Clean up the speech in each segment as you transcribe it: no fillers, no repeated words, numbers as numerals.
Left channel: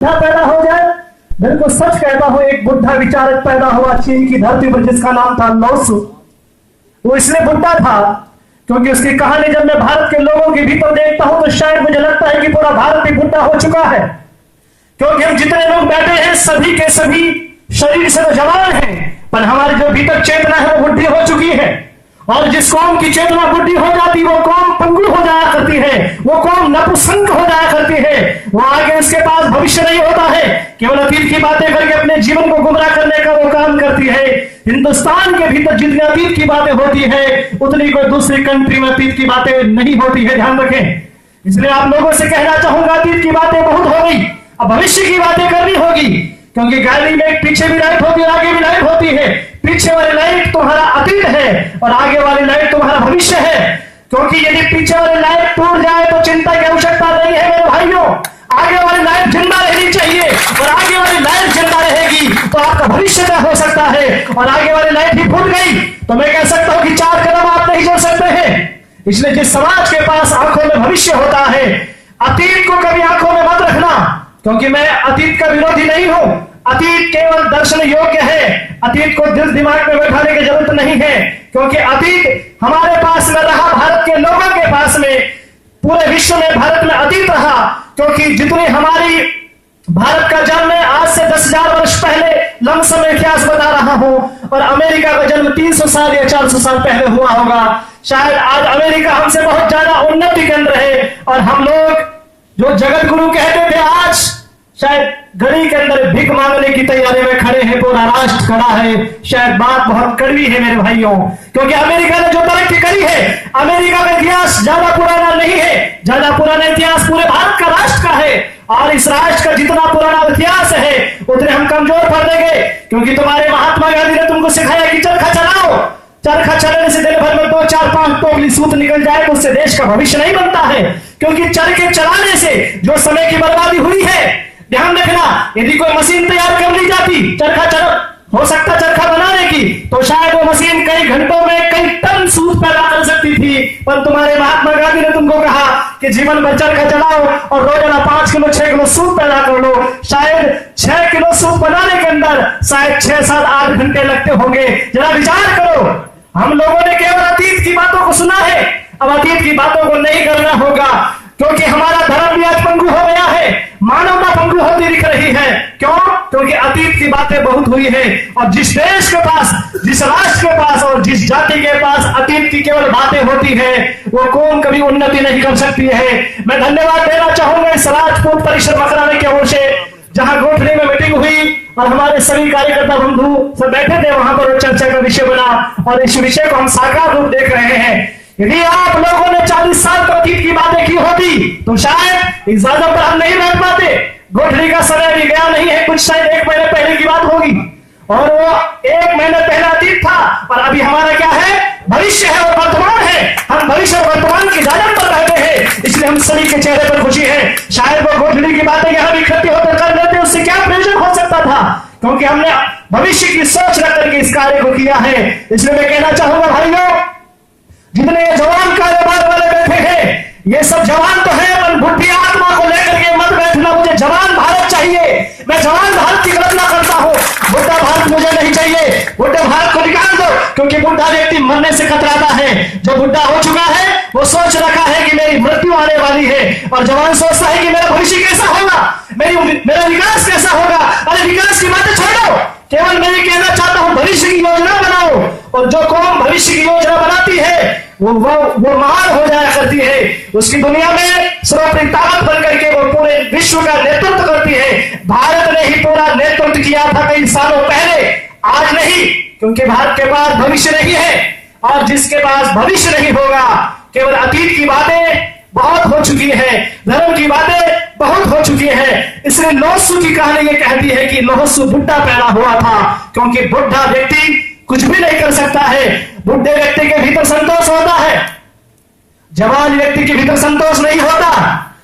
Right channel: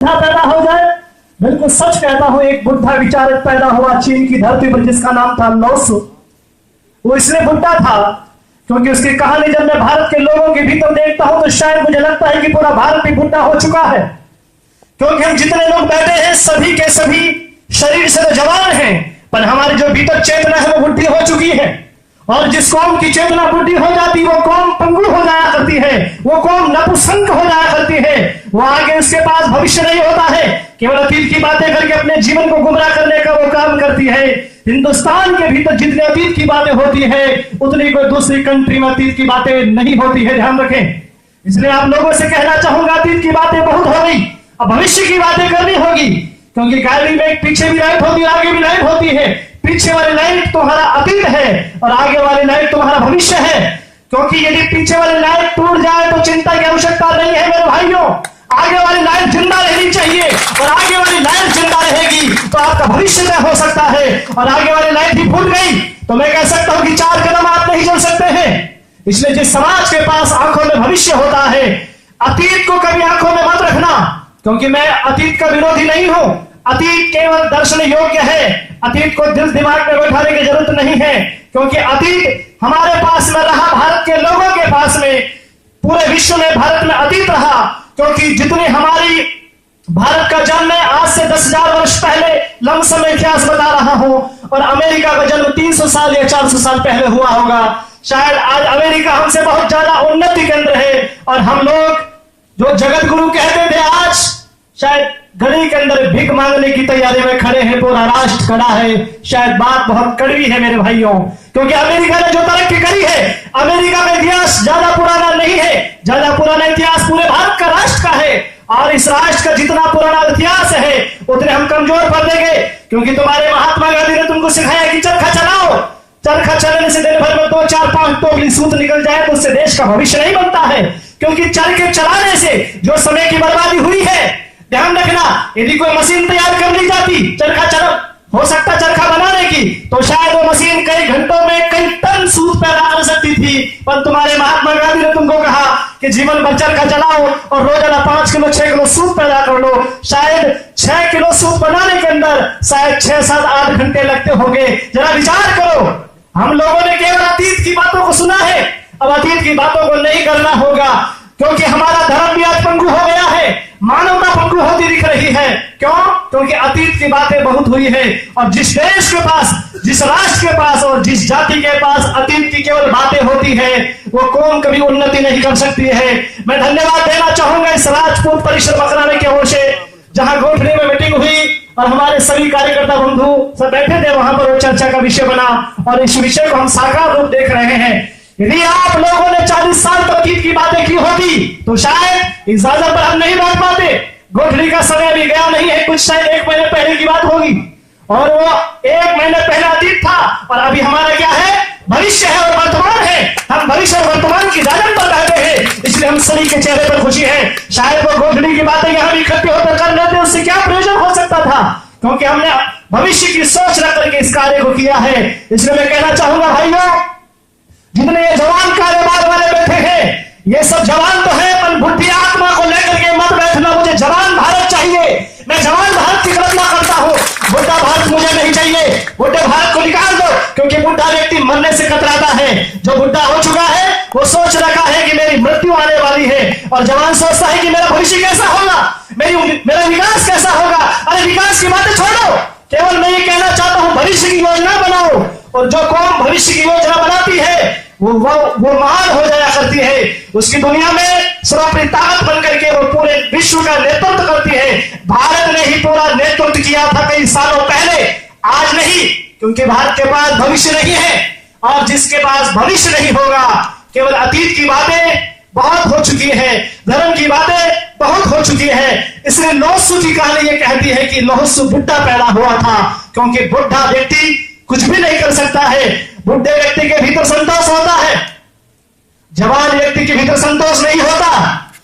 पैदा हो जाए। बिल्कुल सच कहता हूं, एक बुद्धा विचारक पैदा हुआ चीन की धरती पर जिसका नाम था लौसु। वो इसलिए बुद्धा था क्योंकि उसकी कहानी जब मैं भारत के लोगों के भीतर देखता हूं तो शायद मुझे लगता है कि पूरा भारत भी बुद्धा हो चुका है। क्योंकि हम जितने लोग बैठे हैं सभी के सभी शरीर से तो जवान हैं, पर हमारे जो भीतर चेतना है वो बुद्धि हो चुकी है। और जिस कौम की चेतना बुद्धि हो जाती वो कौम पंगु हो जाया करती है, वो कौम नपुंसक हो जाया करती है। वो आगे उसके पास भविष्य नहीं होता है, केवल अतीत की बातें करके अपने जीवन को गुमराह करने का वो काम करती है। हिंदुस्तान के भीतर जितनी अतीत की बातें होती है उतनी कोई दूसरी कंट्री में अतीत की बातें नहीं होती है, ध्यान रखें। इसलिए आप लोगों से कहना चाहूंगा, अतीत की बातें बहुत हो गई, अब भविष्य की बातें करनी होगी। क्योंकि गाड़ी में पीछे भी लाइट होगी, आगे भी लाइट होती है। पीछे वाली लाइट तुम्हारा अतीत है और आगे वाली लाइट तुम्हारा भविष्य है। क्योंकि यदि पीछे वाली लाइट टूट जाए तो चिंता की आवश्यकता नहीं है मेरे भाइयों, आगे वाली लाइट जिंदा रहनी चाहिए। और आगे वाली लाइट जिंदा रहेगी तो आपका भविष्य में हो सकता है। और आगे वाली लाइट ही फूट गई तो मैं कह सकता हूं कि 4 कदम आप नहीं चल सकते हैं। इसलिए जिस समाज के पास आंखों में भविष्य होता है, अतीत को कभी आंखों में मत रखना। क्योंकि मैं अतीत का विरोधी नहीं हूं, अतीत केवल दर्शन योग्य है, अतीत को दिल दिमाग में बैठाने की जरूरत नहीं है। क्योंकि अतीत हमारे पास में रहा, भारत के लोगों के पास में, पूरे विश्व में भारत में अतीत रहा। क्योंकि जितनी हमारी भारत का जन्म है आज से 10,000 वर्ष पहले लमसम इतिहास बता रहा हूं, और अमेरिका का जन्म 300 साल या 400 साल पहले हुआ होगा। शायद आज अमेरिका हमसे बहुत ज्यादा उन्नति केंद्र है, और हम लोग जो जगत गुरु कहते थे आज शायद गली के अंदर भीख मांगने की तैयारी में खड़े हैं, पूरा राष्ट्र खड़ा है। शायद बात बहुत कड़वी है मेरे भाइयों, क्योंकि अमेरिका ने जो तरक्की करी है, अमेरिका का इतिहास ज्यादा पुराना नहीं है, ज्यादा पुराना इतिहास पूरे भारत का राष्ट्र का है। और इस राष्ट्र का जितना पुराना इतिहास है उतने हम कमजोर पड़ देंगे। क्योंकि तुम्हारे महात्मा गांधी ने तुमको सिखाया कि चरखा चलाओ, चरखा चलाने से दिन भर में 2, 4, 5 टोकरी सूत निकल जाए तो उससे देश का भविष्य नहीं बनता है। क्योंकि चरखे चलाने से जो समय की बर्बादी हुई है, ध्यान रखना, यदि कोई मशीन तैयार कर ली जाती चरखा चला हो सकता चरखा बनाने की, तो शायद वो मशीन कई घंटों में कई टन सूत पैदा कर सकती थी। पर तुम्हारे महात्मा गांधी ने तुमको कहा कि जीवन भर चरखा चलाओ और रोजाना 5 किलो 6 किलो सूत पैदा कर लो। शायद 6 किलो सूत बनाने के अंदर शायद 6, 7, 8 घंटे लगते होंगे। जरा विचार करो, हम लोगों ने केवल अतीत की बातों को सुना है, अब अतीत की बातों को नहीं करना होगा। क्योंकि हमारा धर्म भी आज पंगु हो गया है, मानवता पंगु होती दिख रही है। क्यों? क्योंकि अतीत की बातें बहुत हुई है, और जिस देश के पास, जिस राष्ट्र के पास और जिस जाति के पास अतीत की केवल बातें होती है वो कौम कभी उन्नति नहीं कर सकती है। मैं धन्यवाद देना चाहूंगा इस राजपूत परिषद मकराने की ओर से, जहां गोठनी में मीटिंग हुई और हमारे सभी कार्यकर्ता बंधु सब बैठे थे, वहां पर चर्चा का विषय बना और इस विषय को हम साकार रूप देख रहे हैं। यदि आप लोगों ने 40 साल तक अतीत की बातें की होती तो शायद इस जगह पर हम नहीं बैठ पाते। गोठली का समय भी गया नहीं है, कुछ शायद 1 महीने पहले की बात होगी, और वो 1 महीने पहले अतीत था, और अभी हमारा क्या है, भविष्य है और वर्तमान है। हम भविष्य और वर्तमान की जागरण पर रहते हैं, इसलिए हम सभी के चेहरे पर खुशी है। शायद वो गोठली की बातें यहाँ इकट्ठे होकर कर रहे थे, उससे क्या प्रयोजन हो सकता था, क्योंकि हमने भविष्य की सोच रख करके इस कार्य को किया है। इसलिए मैं कहना चाहूंगा भाइयों, जितने ये जवान कार्यभार वाले बैठे हैं, ये सब जवान तो है, पर बुद्धि आत्मा को लेकर के मत बैठना। मुझे जवान भारत चाहिए, मैं जवान भारत की कल्पना करता हूं, बुढ़ा भारत मुझे नहीं चाहिए। बुढ़े भारत को निकाल दो, क्योंकि बुढ़ा व्यक्ति मरने से कतराता है। जो बुढ़ा हो चुका है वो सोच रखा है कि मेरी मृत्यु आने वाली है, और जवान सोचता है कि मेरा भविष्य कैसा होगा, मेरा विकास कैसा होगा। अरे विकास की बातें छोड़ो, केवल मैं ये कहना चाहता हूं भविष्य की योजना बनाओ, और जो कौम भविष्य की योजना बनाती है वो महान हो जाया करती है। उसकी दुनिया में सर्वोपरि ताकत बन करके वो पूरे विश्व का नेतृत्व करती है। भारत ने ही पूरा नेतृत्व किया था कई सालों पहले, आज नहीं, क्योंकि भारत के पास भविष्य नहीं है, और जिसके पास भविष्य नहीं होगा, केवल अतीत की बातें बहुत हो चुकी है, धर्म की बातें बहुत हो चुकी है। इसलिए लौसु की कहानी ये कहती है कि लौसु बुढ़ा पैदा हुआ था, क्योंकि बुढ़ा व्यक्ति कुछ भी नहीं कर सकता है। बुढ़े व्यक्ति के भीतर संतोष होता है, जवान व्यक्ति के भीतर संतोष नहीं होता।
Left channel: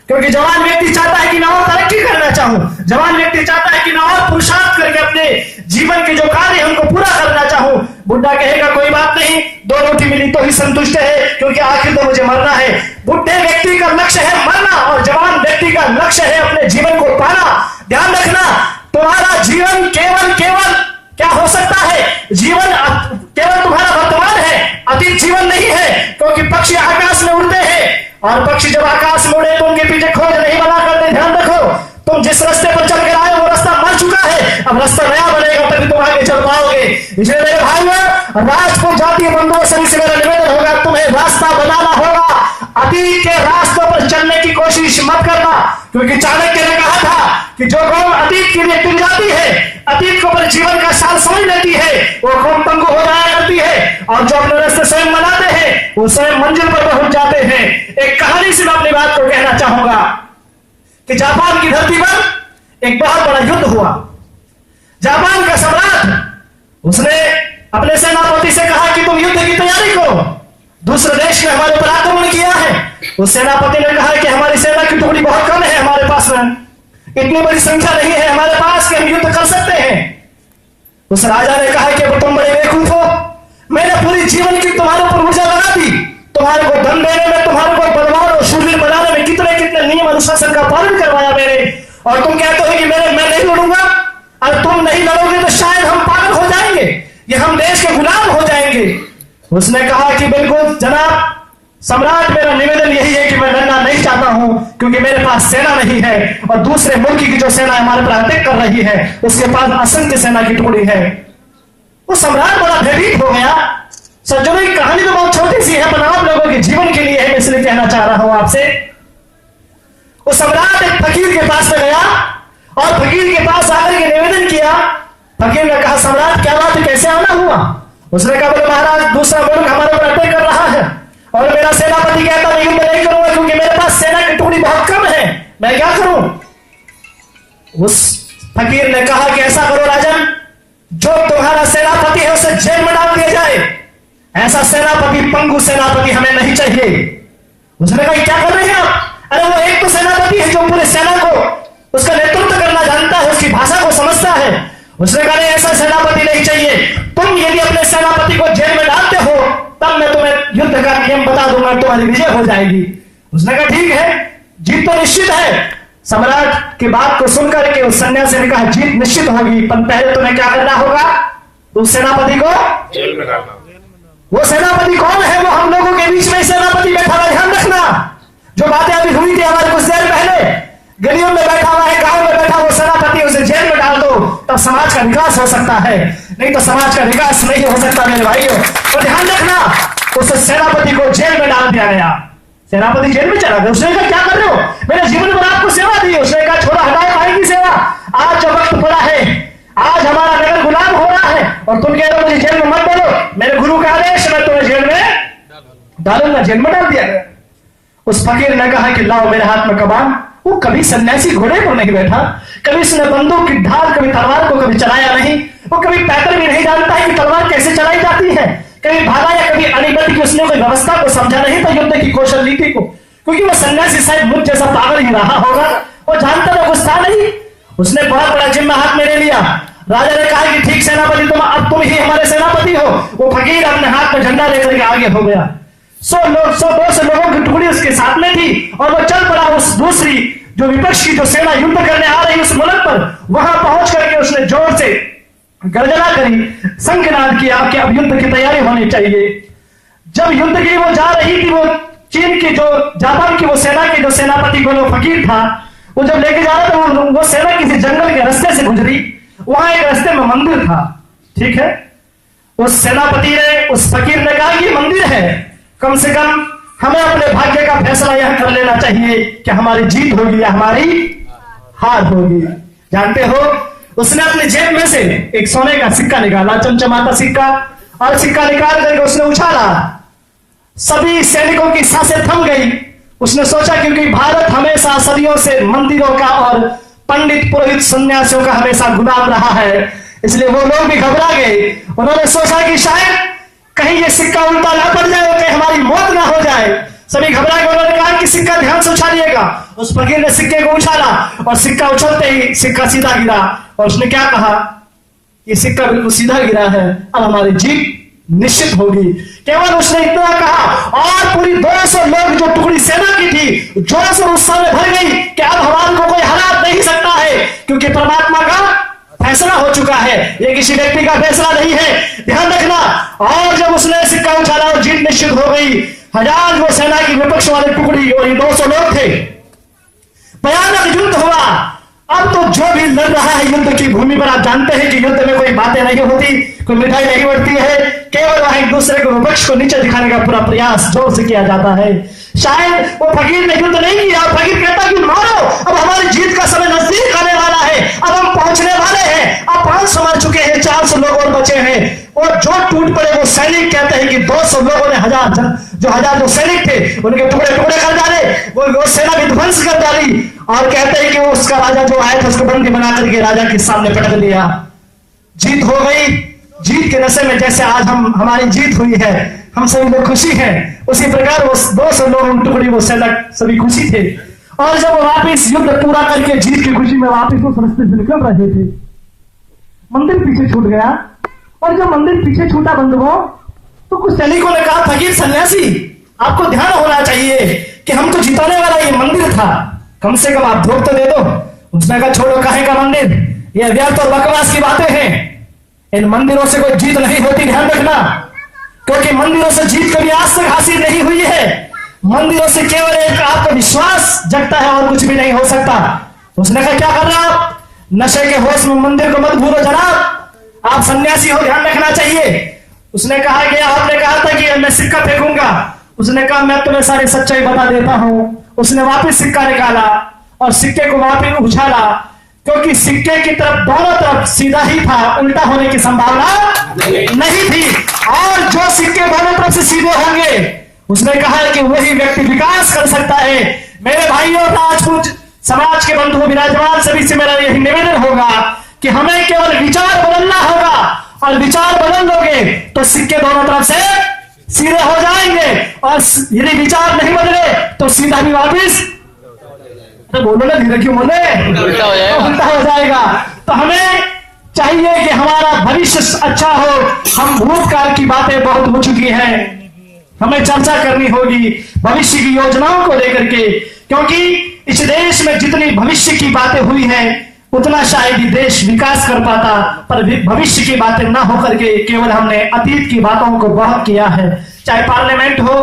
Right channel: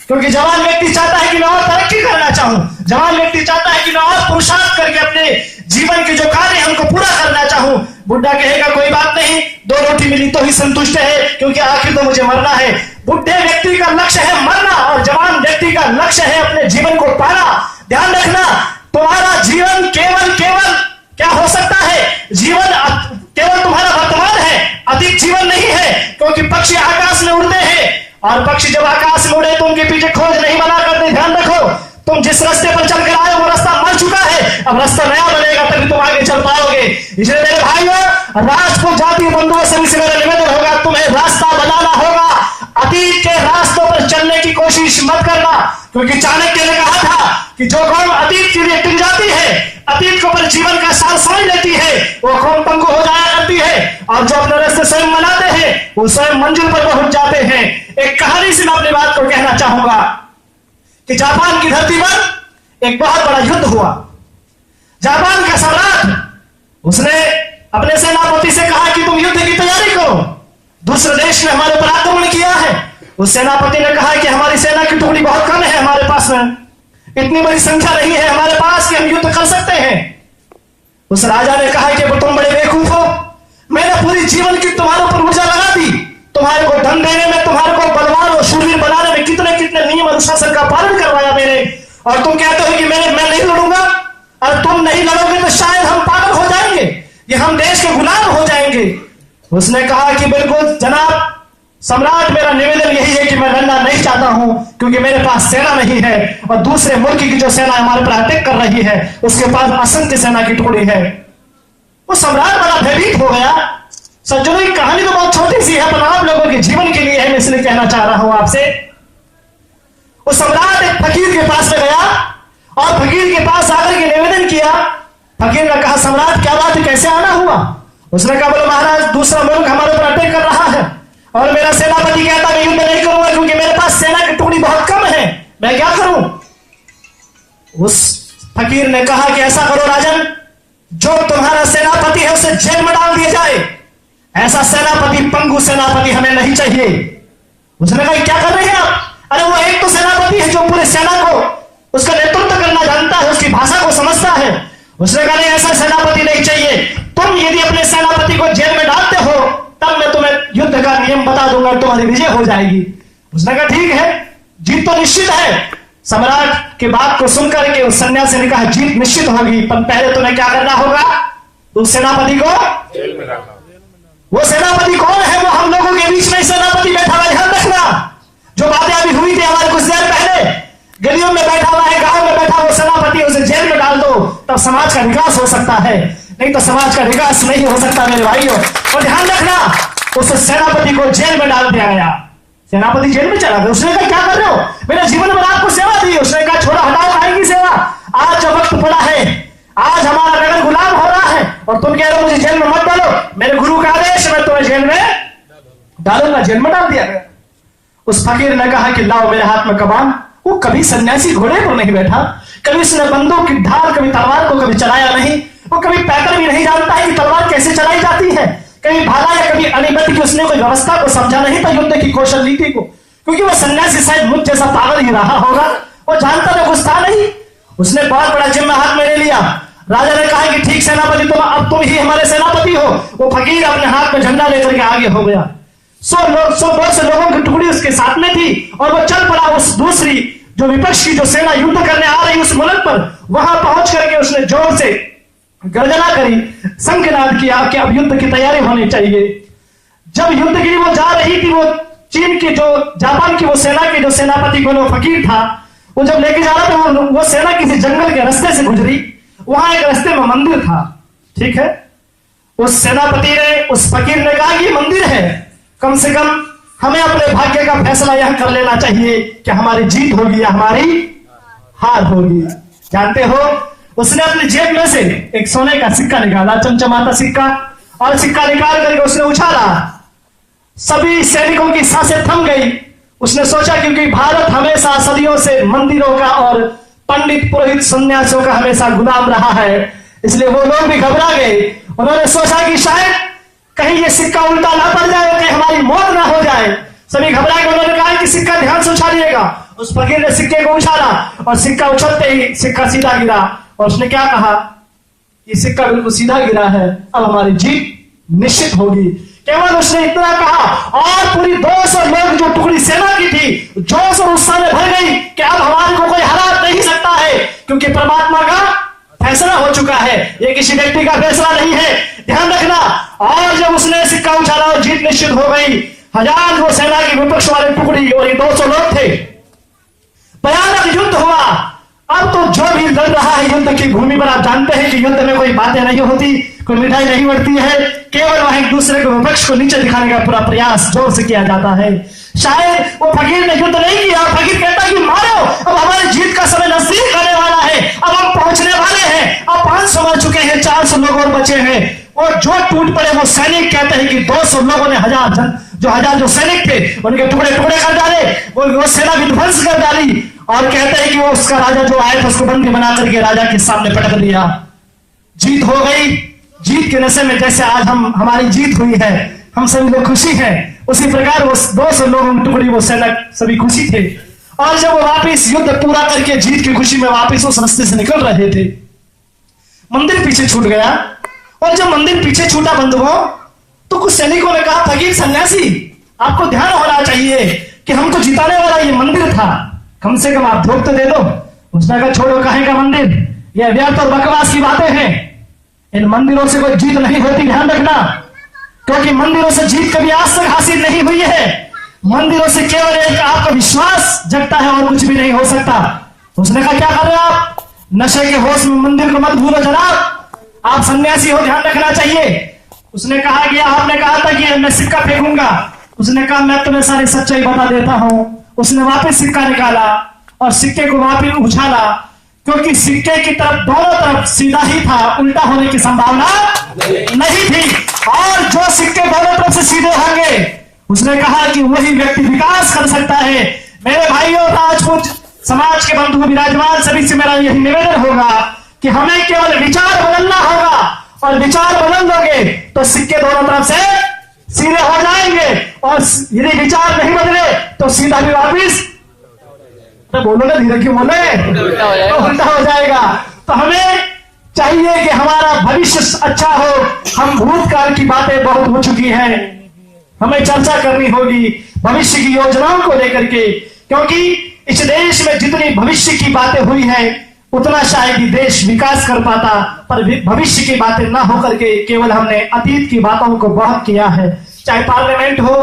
क्योंकि जवान व्यक्ति चाहता है कि मैं और तरक्की करना चाहूं, जवान व्यक्ति चाहता है कि मैं और पुरुषार्थ करके अपने जीवन के जो कार्य है उनको पूरा करना चाहूं। बुढ़ा कहेगा कोई बात नहीं, 2 रोटी मिली तो ही संतुष्ट है, क्योंकि आखिर तो मुझे मरना है। बुढ़े व्यक्ति का लक्ष्य है मरना, और जवान व्यक्ति का लक्ष्य है अपने जीवन को पाना। ध्यान रखना, तुम्हारा जीवन केवल क्या हो सकता है? जीवन केवल तुम्हारा वर्तमान है, अतीत जीवन नहीं है। क्योंकि पक्षी आकाश में उड़ते हैं और पक्षी जब आकाश में उड़े तो उनके पीछे खोज नहीं बना करते। ध्यान रखो, तुम जिस रास्ते पर चल कर आए वो रास्ता मर चुका है, अब रास्ता नया बनेगा तभी तुम आगे चल पाओगे। इसलिए मेरे भाइयों, राजपूत जाति बंधुओं सभी से मेरा निवेदन होगा, तुम्हें रास्ता बताना होगा। अतीत के रास्तों पर चलने की कोशिश मत करना, क्योंकि चाणक्य ने कहा था कि जो कौम अतीत के लिए टिक जाती है, अतीत को पर जीवन का सार समझ लेती है, वो कौम पंगु हो जाया करती है, और जो अपने रास्ते स्वयं बनाते हैं वो स्वयं मंजिल पर पहुंच जाते हैं। एक कहानी से मैं अपनी बात को कहना चाहूंगा कि जापान की धरती पर एक बहुत बड़ा युद्ध हुआ। जापान का सम्राट उसने अपने सेनापति से कहा कि तुम युद्ध की तैयारी करो, दूसरे देश ने हमारे पर आक्रमण किया है। उस सेनापति ने कहा कि हमारी सेना की टुकड़ी बहुत कम है, हमारे पास में इतनी बड़ी संख्या नहीं है हमारे पास कि हम युद्ध कर सकते हैं। उस राजा ने कहा कि तुम बड़े बेवकूफ हो, मैंने पूरी जीवन की तुम्हारे ऊपर ऊर्जा लगा दी, तुम्हारे को धन देने में, तुम्हारे को बलवान और शूरवीर बनाने में कितने कितने नियम अनुशासन का पालन करवाया मैंने, और तुम कहते हो कि मैं नहीं लड़ूंगा। और तुम नहीं लड़ोगे तो शायद हम पागल हो जाएंगे, ये हम देश के गुलाम हो जाएंगे। उसने कहा कि बिल्कुल जनाब सम्राट, मेरा निवेदन यही है कि मैं लड़ना नहीं चाहता हूं, क्योंकि मेरे पास सेना नहीं है, और दूसरे मुल्क की जो सेना हमारे पर अटैक कर रही है उसके पास असंख्य सेना की टुकड़ी है। वो सम्राट बड़ा भयभीत हो गया। सज्जनों, कहानी तो बहुत छोटी सी है, पर आप लोगों के जीवन के लिए है, मैं इसलिए कहना चाह रहा हूं आपसे। वो सम्राट एक फकीर के पास में गया और फकीर के पास आकर के निवेदन किया। फकीर ने कहा, सम्राट क्या बात है, कैसे आना हुआ? उसने कहा, बोले महाराज, दूसरा मुल्क हमारे ऊपर अटैक कर रहा है और मेरा सेनापति कहता मैं युद्ध नहीं करूंगा क्योंकि मेरे पास सेना की टुकड़ी बहुत कम है, मैं क्या करूं? उस फकीर ने कहा कि ऐसा करो राजन, जो तुम्हारा सेनापति है उसे जेल में डाल दिया जाए। ऐसा सेनापति, पंगु सेनापति हमें नहीं चाहिए। उसने कहा, क्या कर रहे हैं आप? अरे वो एक तो सेनापति है जो पूरे सेना को उसका नेतृत्व करना जानता है, उसकी भाषा को समझता है। उसने कहा, नहीं, ऐसा सेनापति नहीं चाहिए। तुम यदि अपने सेनापति को जेल में डालते हो तब मैं तुम्हें युद्ध का नियम बता दूंगा, तुम्हारी विजय हो जाएगी। उसने कहा, ठीक है, जीत तो निश्चित है। सम्राट की बात को सुनकर के उस सन्यासी ने कहा, जीत निश्चित होगी, पर पहले तुम्हें क्या करना होगा? उस सेनापति को जेल में डालना। वो सेनापति कौन है? वो हम लोगों के बीच में सेनापति बैठा हुआ, ध्यान रखना। जो बातें अभी हुई थी हमारे कुछ देर पहले, गलियों में बैठा हुआ है, गांव में बैठा वो सेनापति, उसे जेल में डाल दो, तब समाज का विकास हो सकता है, नहीं तो समाज का विकास नहीं हो सकता मेरे भाइयों। और ध्यान रखना, उस सेनापति को जेल में डाल दिया गया। सेनापति जेल में चला गया। उसने कहा, क्या कर रहे हो? मेरे जीवन में आपको सेवा दी। उसने कहा, छोड़ा, हटाओ भाई की सेवा, आज जो वक्त पड़ा है, आज हमारा नगर गुलाम हो रहा है और तुम कह रहे हो मुझे जेल में मत डालो, मेरे गुरु का आदेश, मैं तुम्हें जेल में डालूंगा। जेल में डाल दिया गया। उस फकीर ने कहा कि लाओ मेरे हाथ में कमान। वो कभी सन्यासी घोड़े पर नहीं बैठा, कभी उसने बंदूक की ढाल, कभी तलवार को कभी चलाया नहीं, वो कभी पैदल भी नहीं जानता है कि तलवार कैसे चलाई जाती है, कभी भागा या कभी अनिबद्ध की उसने कोई व्यवस्था को समझा नहीं था, युद्ध की कौशल नीति को, क्योंकि वो सन्यासी शायद मुझ जैसा पागल ही रहा होगा, वो जानता था कुछ था नहीं। उसने बहुत बड़ा जिम्मा हाथ में ले लिया। राजा ने कहा कि ठीक सेनापति, तुम ही हमारे सेनापति हो। वो फकीर अपने हाथ में झंडा लेकर के आगे हो गया। 100 लोगों की टुकड़ी उसके साथ में थी और वो चल पड़ा उस दूसरी जो विपक्ष की जो सेना युद्ध करने आ रही उस मुल्क पर। वहां पहुंच करके उसने जोर से गर्जना करी, शंखनाद किया कि अब युद्ध की तैयारी होनी चाहिए। जब युद्ध की वो जा रही थी, वो चीन की जो जापान की वो सेना के जो सेनापति को फकीर था, वो जब लेके जा रहा था, वो सेना किसी जंगल के रास्ते से गुजरी। वहां एक रास्ते में मंदिर था, ठीक है। उस सेनापति ने, उस फकीर ने कहा कि मंदिर है, कम से कम हमें अपने भाग्य का फैसला यह कर लेना चाहिए कि हमारी जीत होगी या हमारी हार होगी। जानते हो, उसने अपनी जेब में से एक सोने का सिक्का निकाला, चमचमाता सिक्का, और सिक्का निकाल करके उसने उछाला। सभी सैनिकों की सांसें थम गई। उसने सोचा क्योंकि भारत हमेशा सदियों से मंदिरों का और पंडित पुरोहित सन्यासियों का हमेशा गुलाम रहा है, इसलिए वो लोग भी घबरा गए। उन्होंने सोचा कि शायद कहीं ये सिक्का उल्टा ना पड़ जाए, कहीं हमारी मौत ना हो जाए। सभी घबरा गए। उन्होंने कहा कि सिक्का ध्यान से उछालिएगा। उस फकीर ने सिक्के को उछाला और सिक्का उछलते ही सिक्का सीधा गिरा। और उसने क्या कहा? ये सिक्का बिल्कुल सीधा गिरा है, अब हमारी जीत निश्चित होगी। केवल उसने इतना कहा और पूरी 200 लोग जो टुकड़ी सेना की थी जोश और उत्साह में भर गई कि अब हमारे को कोई हरा नहीं सकता है, क्योंकि परमात्मा का फैसला हो चुका है, ये किसी व्यक्ति का फैसला नहीं है, ध्यान रखना। और जब उसने सिक्का उछाला और जीत निश्चित हो गई, 1000 वो सेना की विपक्ष वाली टुकड़ी और ये 200 लोग थे। भयानक युद्ध हुआ। अब तो जो भी लड़ रहा है युद्ध की भूमि पर, आप जानते हैं कि युद्ध में कोई बातें नहीं होती, कोई मिठाई नहीं बढ़ती है, केवल वह एक दूसरे को विपक्ष को नीचे दिखाने का पूरा प्रयास जोर से किया जाता है। शायद वो फकीर ने युद्ध नहीं किया, फकीर कहता कि मारो, अब हमारी जीत का समय नजदीक आने वाला है, अब हम पहुंचने वाले हैं, अब 500 मर चुके हैं, 400 लोग और बचे हैं। और जो टूट पड़े वो सैनिक कहते हैं कि 200 लोगों ने 1000 जो सैनिक थे उनके टुकड़े टुकड़े कर डाले, वो सेना भी ध्वंस कर डाली। और कहते हैं कि वो उसका राजा जो आया था उसको बंदी बना करके राजा के सामने पटक दिया। जीत हो गई। जीत के नशे में जैसे आज हमारी जीत हुई है, हम सभी लोग खुशी हैं, उसी प्रकार वो 200 लोग टुकड़ी वो सैनिक सभी खुशी थे। और जब वो वापिस युद्ध पूरा करके जीत की खुशी में वापिस उस रास्ते से निकल रहे थे, मंदिर पीछे छूट गया। और जब मंदिर पीछे छूटा बंधुओं, तो कुछ सैनिकों ने कहा, फकीर सन्यासी आपको ध्यान होना चाहिए कि हमको जिताने वाला ये मंदिर था, कम से कम आप धोख तो दे दो। उसने कहा, छोड़ो काहे का मंदिर, ये व्यर्थ और बकवास की बातें हैं, इन मंदिरों से कोई जीत नहीं होती, ध्यान रखना, क्योंकि मंदिरों से जीत कभी आज तक हासिल नहीं हुई है। मंदिरों से केवल एक आपका विश्वास जगता है और कुछ भी नहीं हो सकता। उसने कहा, क्या कर रहे हो आप, नशे के होश में मंदिर को मत भूलो जनाब, आप सन्यासी हो, ध्यान रखना चाहिए। उसने कहा कि आपने कहा था कि मैं सिक्का फेंकूंगा। उसने कहा, मैं तुम्हें सारी सच्चाई बता देता हूं। उसने वापस सिक्का निकाला और सिक्के को वापस उछाला, क्योंकि सिक्के की तरफ दोनों तरफ सीधा ही था, उल्टा होने की संभावना नहीं थी। और जो सिक्के दोनों तरफ से सीधे होंगे, उसने कहा कि वही व्यक्ति विकास कर सकता है। मेरे भाइयों, राजपूत समाज के बंधुओं विराजमान सभी से मेरा यही निवेदन होगा कि हमें केवल विचार बदलना होगा, और विचार बदल लोगे तो सिक्के दोनों तरफ से सीधे हो जाएंगे, और यदि विचार नहीं बदले तो सीधा भी वापिस, तो बोलो ना, धीरे क्यों बोले, उल्टा हो जाएगा। तो हमें चाहिए कि हमारा भविष्य अच्छा हो। हम भूतकाल की बातें बहुत हो चुकी है, हमें चर्चा करनी होगी भविष्य की योजनाओं को लेकर के, क्योंकि इस देश में जितनी भविष्य की बातें हुई है उतना शायद ही देश विकास कर पाता, पर भविष्य की बातें ना होकर के केवल हमने अतीत की बातों को बहुत किया है। चाहे पार्लियामेंट हो,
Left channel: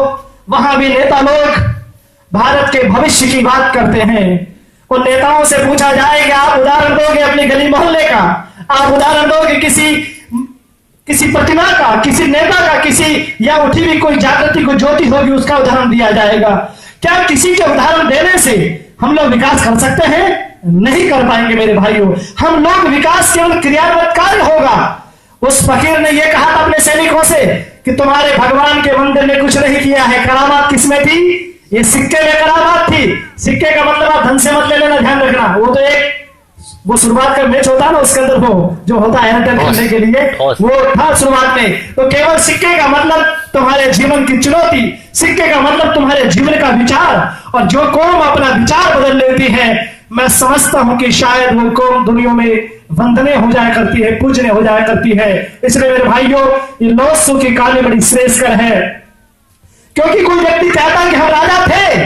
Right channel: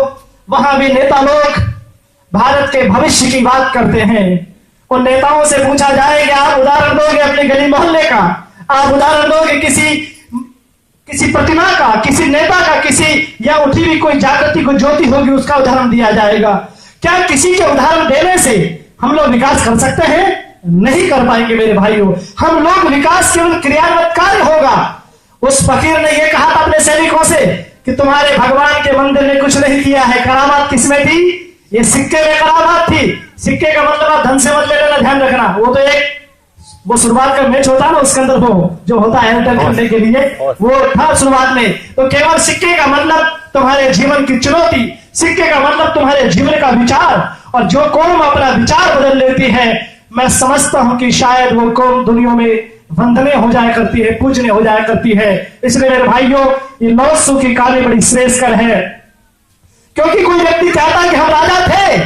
वहां भी नेता लोग भारत के भविष्य की बात करते हैं। उन नेताओं से पूछा जाए कि आप उदाहरण दोगे अपने गली मोहल्ले का, आप उदाहरण दोगे किसी प्रतिभा का, किसी नेता का, किसी या उठी हुई कोई जागृति को ज्योति होगी उसका उदाहरण दिया जाएगा। क्या किसी के उदाहरण देने से हम लोग विकास कर सकते हैं? नहीं कर पाएंगे मेरे भाइयों। हम लोग विकास केवल क्रियान्वित कार्य होगा। उस फकीर ने यह कहा था अपने सैनिकों से कि तुम्हारे भगवान के मंदिर ने कुछ नहीं किया है। करामात किसमें थी? ये सिक्के में करामात थी। सिक्के का मतलब आप धन से मत ले लेना, ध्यान रखना। वो तो एक वो शुरुआत का मैच होता है ना, उसके अंदर वो जो होता है एंटर करने के लिए, वो था शुरुआत में। तो केवल सिक्के का मतलब तुम्हारे जीवन की चुनौती, सिक्के का मतलब तुम्हारे जीवन का विचार। और जो कौम अपना विचार बदल लेती है, मैं समझता हूं कि शायद वो कौम दुनिया में वंदनीय हो जाया करती है, पूजनीय हो जाया करती है। इसलिए मेरे भाइयों, ये लौसू की कहानी बड़ी श्रेष्ठकर है, क्योंकि कोई व्यक्ति कहता है कि हम राजा थे,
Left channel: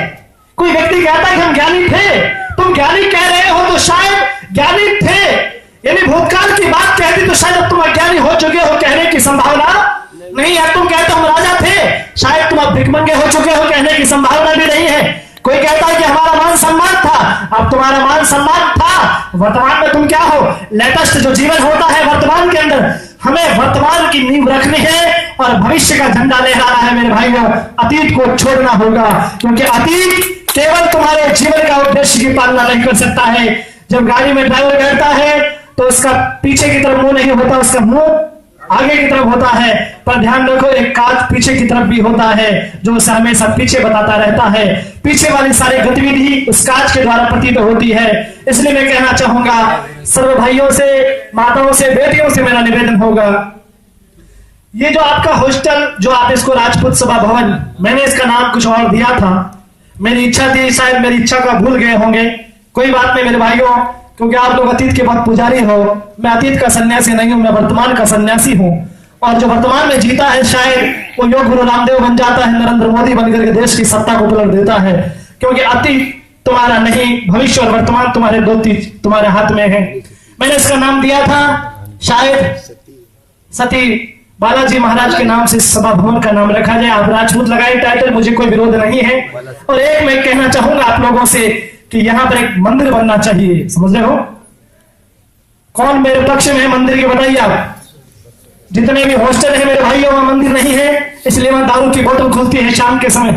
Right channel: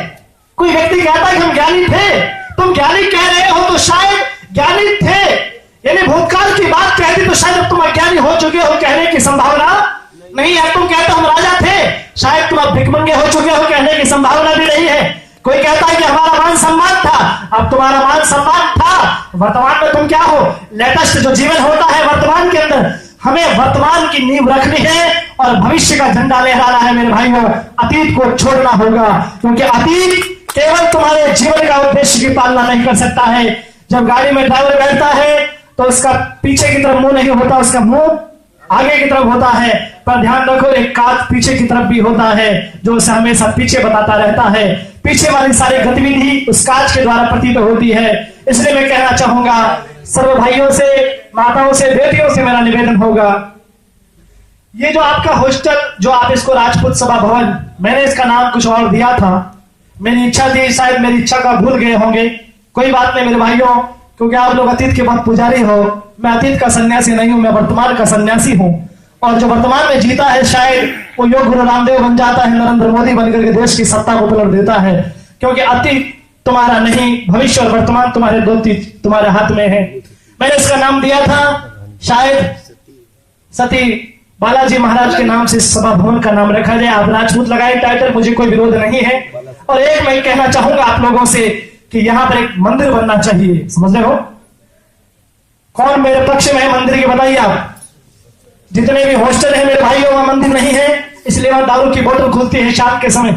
कोई व्यक्ति कहता है कि हम ज्ञानी थे। तुम ज्ञानी कह रहे हो तो शायद ज्ञानी थे, यानी भूतकाल की बात कहती तो शायद अब तुम अज्ञानी हो चुके हो, कहने की संभावना नहीं है। तुम कहते हो हम राजा थे, शायद तुम अब भिखमंगे हो चुके हो, कहने की संभावना भी नहीं है। कोई कहता है कि हमारा मान सम्मान था, अब तुम्हारा मान सम्मान था, वर्तमान में तुम क्या हो? लेटेस्ट जो जीवन होता है वर्तमान के अंदर, हमें वर्तमान की नींव रखनी है और भविष्य का झंडा लहराना है मेरे भाइयों। अतीत को छोड़ना होगा, क्योंकि अतीत केवल तुम्हारे जीवन का उद्देश्य की पालना नहीं कर सकता है। जब गाड़ी में ड्राइवर बैठता है तो उसका पीछे की तरफ मुंह नहीं होता, उसका मुंह आगे की तरफ होता है। पर ध्यान रखो, एक कांच पीछे की तरफ भी होता है जो उसे हमेशा पीछे बताता रहता है। पीछे वाली सारी गतिविधि उस कांच के द्वारा प्रतीत होती है। इसलिए मैं कहना चाहूंगा सर्व भाइयों से, माताओं से, बेटियों से मेरा निवेदन होगा, ये जो आपका हॉस्टल, जो आप इसको राजपूत सभा भवन, मैंने इसका नाम कुछ और दिया था, मेरी इच्छा थी, शायद मेरी इच्छा का भूल गए होंगे, कोई बात नहीं मेरे भाइयों, क्योंकि आप लोग अतीत के बहुत पुजारी हो। मैं अतीत का सन्यासी नहीं हूं, मैं वर्तमान का सन्यासी हूं। और जो वर्तमान में जीता है शायद वो योग गुरु रामदेव बन जाता है, नरेंद्र मोदी बनकर के देश की सत्ता को पलट देता है। क्योंकि अतीत तुम्हारा नहीं, भविष्य और वर्तमान तुम्हारे दो तुम्हारे हाथ में है। मैंने इसका नाम दिया था शायद सती बालाजी महाराज के नाम से सभा भवन का नाम रखा जाए। आप राजपूत लगाए टाइटल, मुझे कोई विरोध नहीं है। और एक मैं कहना चाहूंगा आप लोगों से कि यहां पर एक मंदिर बनना चाहिए। समझ रहे हो? कौन मेरे पक्ष में है मंदिर के, बताइए आप। जितने भी हॉस्टल है मेरे भाइयों, वहां मंदिर नहीं है, इसलिए वहां दारू की बोतल खुलती है शाम के समय,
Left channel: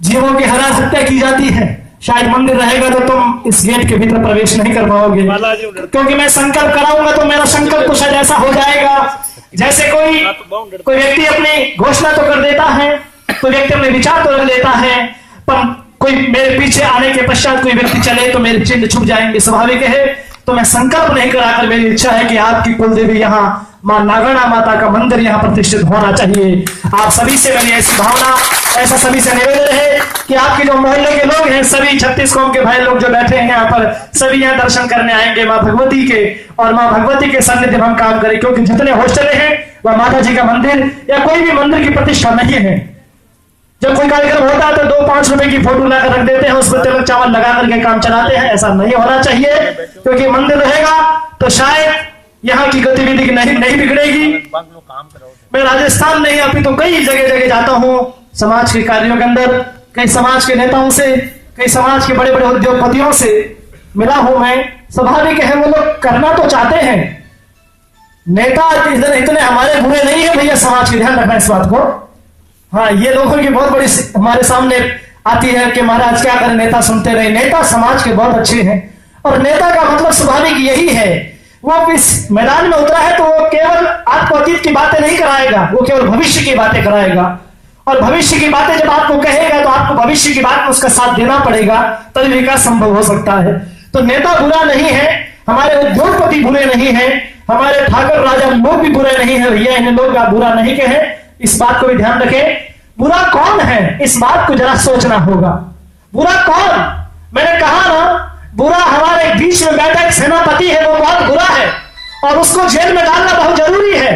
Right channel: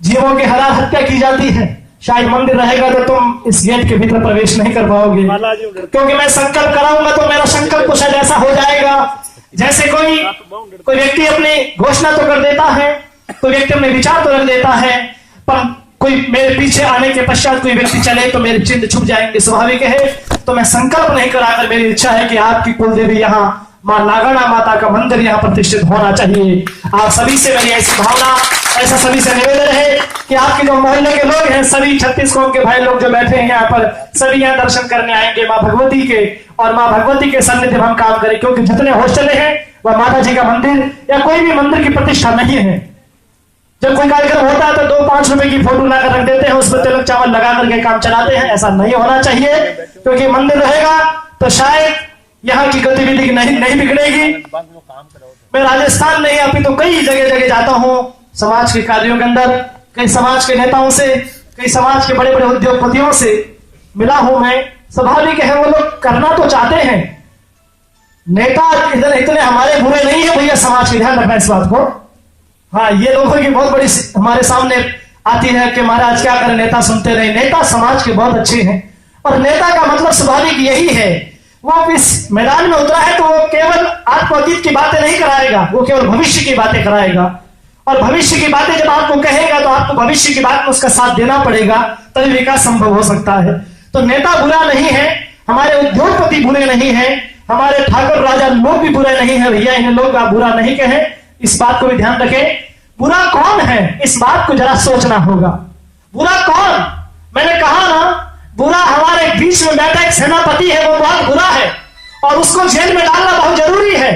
जीवों की हरा हत्या की जाती है। शायद मंदिर रहेगा तो तुम इस गेट के भीतर प्रवेश नहीं कर पाओगे, क्योंकि मैं संकल्प कराऊंगा तो मेरा संकल्प कुछ ऐसा हो जाएगा जैसे कोई व्यक्ति अपनी घोषणा तो कर देता है, कोई व्यक्ति अपने विचार तो रख देता है, पर कोई मेरे पीछे आने के पश्चात कोई व्यक्ति चले तो मेरे चिन्ह छुप जाएंगे। स्वाभाविक है। तो मैं संकल्प नहीं कराकर मेरी इच्छा है कि आपकी कुलदेवी यहाँ मां नागणा माता का मंदिर यहाँ प्रतिष्ठित होना चाहिए। आप सभी से मेरी ऐसी भावना, ऐसा सभी से निवेदन है कि आपके जो मोहल्ले के लोग हैं, सभी 36 कौम के भाई लोग जो बैठे हैं यहाँ पर, सभी यहाँ दर्शन करने आएंगे माँ भगवती के, और माँ भगवती के सानिध्य हम काम करें। क्योंकि जितने हॉस्टल हैं वह माता जी का मंदिर या कोई भी मंदिर की प्रतिष्ठा नहीं है। जब कोई कार्यक्रम होता है तो 2-5 रुपए की फोटो लाकर रख देते हैं, उसमें तिलक चावल लगा करके काम चलाते हैं। ऐसा नहीं होना चाहिए, क्योंकि मंदिर रहेगा तो शायद यहाँ की गतिविधि नहीं बिगड़ेगी। मैं राजस्थान नहीं अपितु कई जगह जाता हूँ समाज के कार्यों के अंदर, कई समाज के नेताओं से, कई समाज के बड़े बड़े उद्योगपतियों से मिला हूं मैं। स्वाभाविक है वो लोग करना तो चाहते हैं, नेता इतने हमारे बुरे नहीं है भैया, समाज की ध्यान रखना इस बात को। हाँ, ये लोगों की बहुत बड़ी हमारे सामने आती है कि महाराज क्या करें, नेता सुनते रहे। नेता समाज के बहुत अच्छे हैं, और नेता का मतलब स्वाभाविक यही है, वो इस मैदान में उतरा है तो वो केवल आपको अतीत की बातें नहीं कराएगा, वो केवल भविष्य की बातें कराएगा। और भविष्य की बातें जब आपको कहेगा तो आपको भविष्य की बात में उसका साथ देना पड़ेगा, तभी विकास संभव हो सकता है। तो नेता बुरा नहीं है, हमारे उद्योगपति बुरे नहीं है, हमारे ठाकुर राजा लोग भी बुरे नहीं है भैया, इन्हें लोग आप बुरा नहीं कहे, इस बात को भी ध्यान रखें। बुरा कौन है इस बात को जरा सोचना होगा। बुरा कौन? मैंने कहा ना, बुरा हमारे बीच में बैठा एक सेनापति है, वो बहुत बुरा है और उसको जेल में डालना बहुत जरूरी है।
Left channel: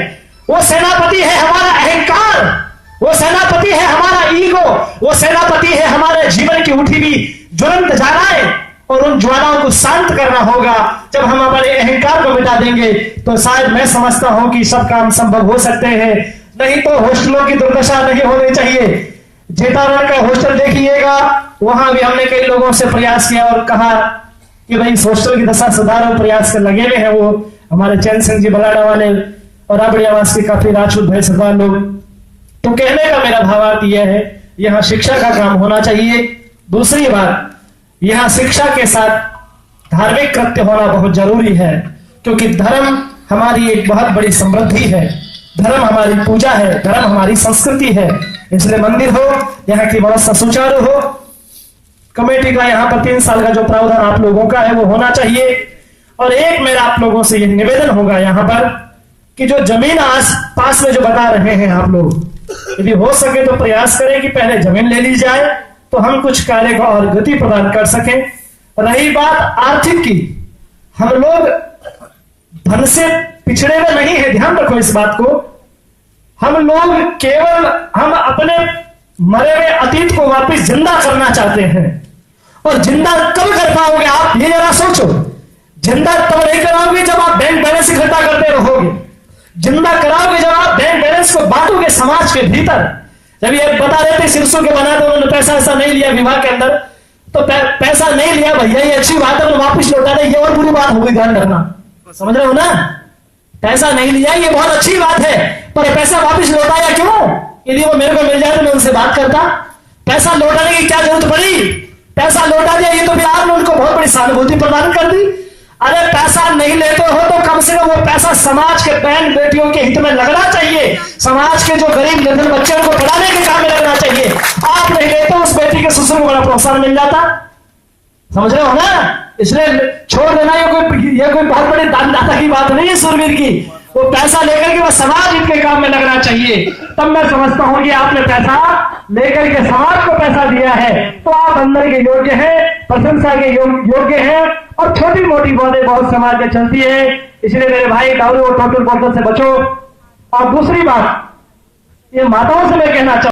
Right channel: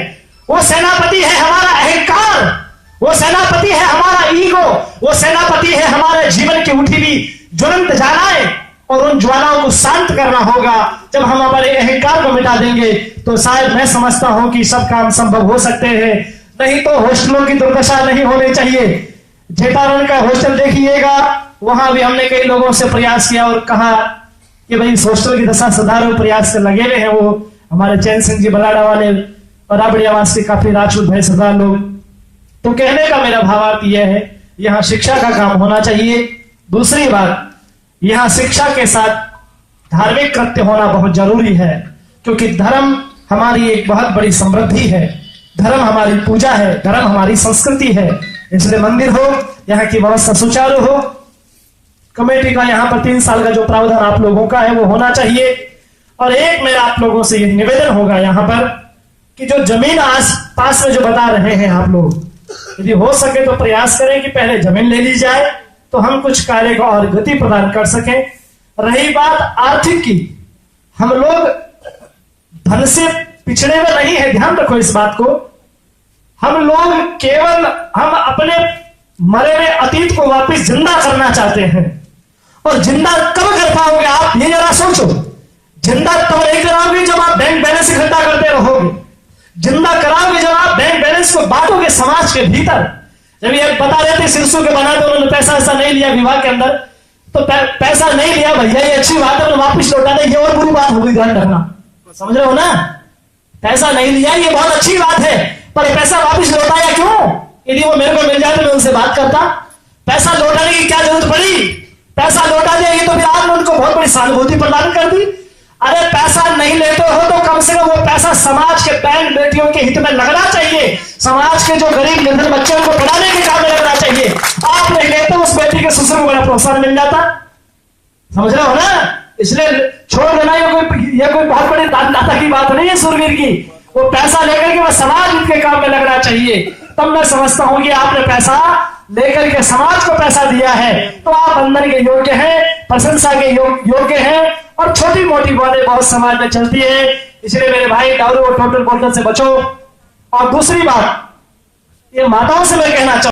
वो सेनापति है हमारा अहंकार, वो सेनापति है हमारा ईगो, वो सेनापति है हमारे जीवन की उठी हुई ज्वलंत ज्वालाएं, और उन ज्वालाओं को शांत करना होगा। जब हम हमारे अहंकार को मिटा देंगे तो शायद मैं समझता हूं कि सब काम संभव हो सकते हैं। नहीं तो हॉस्टलों की दुर्दशा नहीं होनी चाहिए। जेठारण का हॉस्टल देखिएगा, वहां भी हमने कई लोगों से प्रयास किया और कहा कि भाई इस हॉस्टल की दशा सुधारो, प्रयास कर लगे हुए हैं वो हमारे चैन सिंह जी बलाडा वाले और राबड़ी आवास के काफी राजपूत भाई सरदार लोग। तो कहने का मेरा भावार्थ यह है, यहाँ शिक्षा का काम होना चाहिए। दूसरी बात, यहाँ शिक्षा के साथ धार्मिक कृत्य होना बहुत जरूरी है, क्योंकि धर्म हमारी एक बहुत बड़ी समृद्धि है, धर्म हमारी पूजा है, धर्म हमारी संस्कृति है। इसलिए मंदिर हो, यहाँ की व्यवस्था सुचारू हो, कमेटी का यहाँ पर 3 साल का जो प्रावधान आप लोगों का है वो होना चाहिए। और एक मेरा आप लोगों से यह निवेदन होगा यहाँ पर कि जो जमीन आस पास में जो बता रहे हैं आप लोग, यदि हो सके तो प्रयास करें कि पहले जमीन ले ली जाए तो हम कुछ कार्य को और गति प्रदान कर सकें। रही बात आर्थिक की, हम लोग धन से पिछड़े हुए नहीं है, ध्यान रखो इस बात को। हम लोग केवल हम अपने मरे हुए अतीत को वापस जिंदा करना चाहते हैं। और जिंदा कब कर पाओगे आप, ये जरा सोचो। जिंदा तब नहीं कराओगे जब आप बैंक बैलेंस इकट्ठा करते रहोगे, जिंदा कराओगे जब आप बैंक बैलेंस को बांटोगे समाज के भीतर। जब ये बता देते सिरसों के बना दो, उन्होंने पैसा ऐसा नहीं लिया विवाह के अंदर, तो पैसा नहीं लिया भैया, ये अच्छी बात है, वापिस लौटा दे, ये और बुरी बात होगी, ध्यान रखना। समझ रहे हो ना? पैसा नहीं लिया ये बहुत अच्छी बात है, पर पैसा वापिस लौटाया क्यों? यदि वो मेरे को मिल जाए तो मैं उनसे बात करता। पैसा लौटाने की क्या जरूरत पड़ी? पैसा लौटा दिया ये तो भी आपने उनको बहुत बड़ी सहानुभूति प्रदान कर दी। अरे पैसा नहीं लेते हो तो कम से कम वो पैसा समाज के बहन बेटियों के हित में लगना चाहिए, समाज के जो गरीब निर्धन बच्चों को पढ़ाने के काम में लगना चाहिए। आप नहीं लेते, उस बेटी के ससुर को बड़ा प्रोत्साहन मिल जाता। समझ रहे हो ना? इसलिए छोड़ देना ये कोई बहुत बड़े दानदाता की बात नहीं है सूरवीर की। वो पैसा लेकर के वह समाज हित के काम में लगना चाहिए। तब मैं समझता हूं कि आपने पैसा लेकर के समाज को पैसा दिया है तो आप अंदर के योग्य हैं, प्रशंसा के योग्य हैं। और छोटी मोटी बातें बहुत समाज में चलती है, इसलिए मेरे भाई दारू और टोटल बोतल से बचो। और दूसरी बात, ये माताओं से मैं कहना चाहूंगा,